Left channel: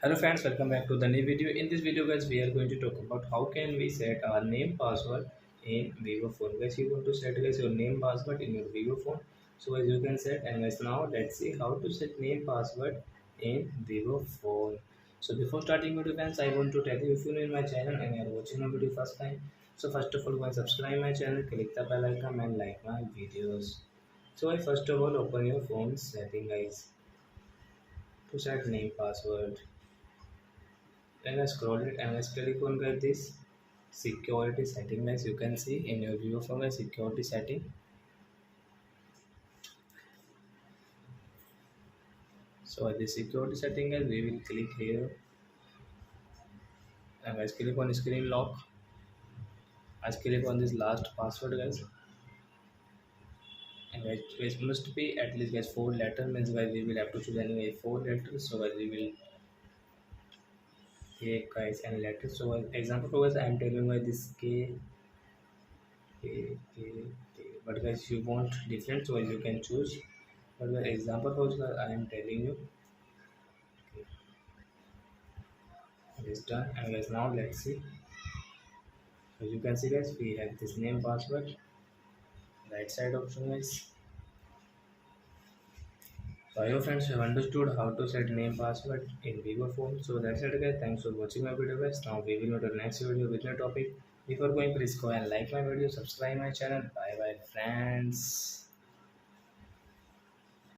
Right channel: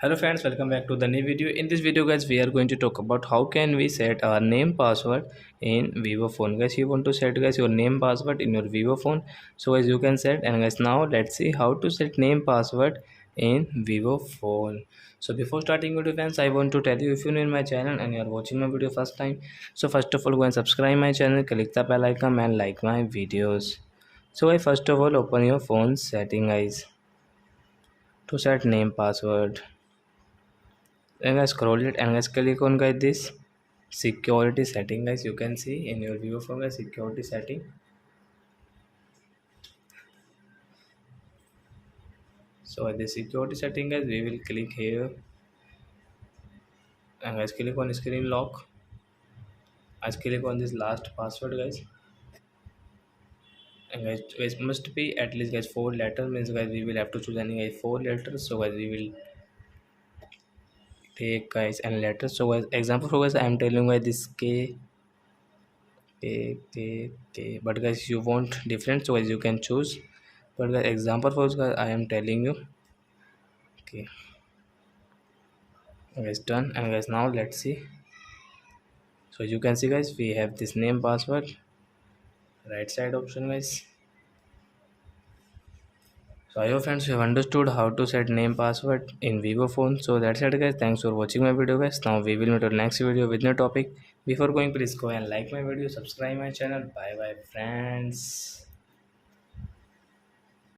Hello friends, welcome back to the new video. In this video guys, we are going to talk about how can we set our name password in Vivo phone. Guys, you want to set guys your name password in your Vivo phone. So guys, you can set, and guys now let's see how to set name password in Vivo phone. So before starting video friends, I want to tell you, if you're new in my channel and you are watching my video first time, so first of all go and subscribe my channel, click the bell icon and like my videos. So guys, first of all open your phone setting guys to set name password. And guys scroll it and guys click on guys this security setting. Guys, you can see in your view from the security setting. So at the security setting guys, we will click here and guys click on screen lock. Guys click on this last password guys, and guys it must be at least guys 4 letter, means guys we will have to choose any guys 4 letters. So guys we will take guys and letters. So guys example for guys I am telling guys this K, but guys you want different, so guys you can choose. But guys example for guys I am telling you. Okay guys, done. And guys now let's see. So you can see guys we have this name password right side option guys. So I hope friends you have understood how to set name password in Vivo phone. So that's it guys, thanks for watching my video guys. Now we will meet on next video with new topic. Before going, please go and like my video, subscribe my channel. Bye bye friends.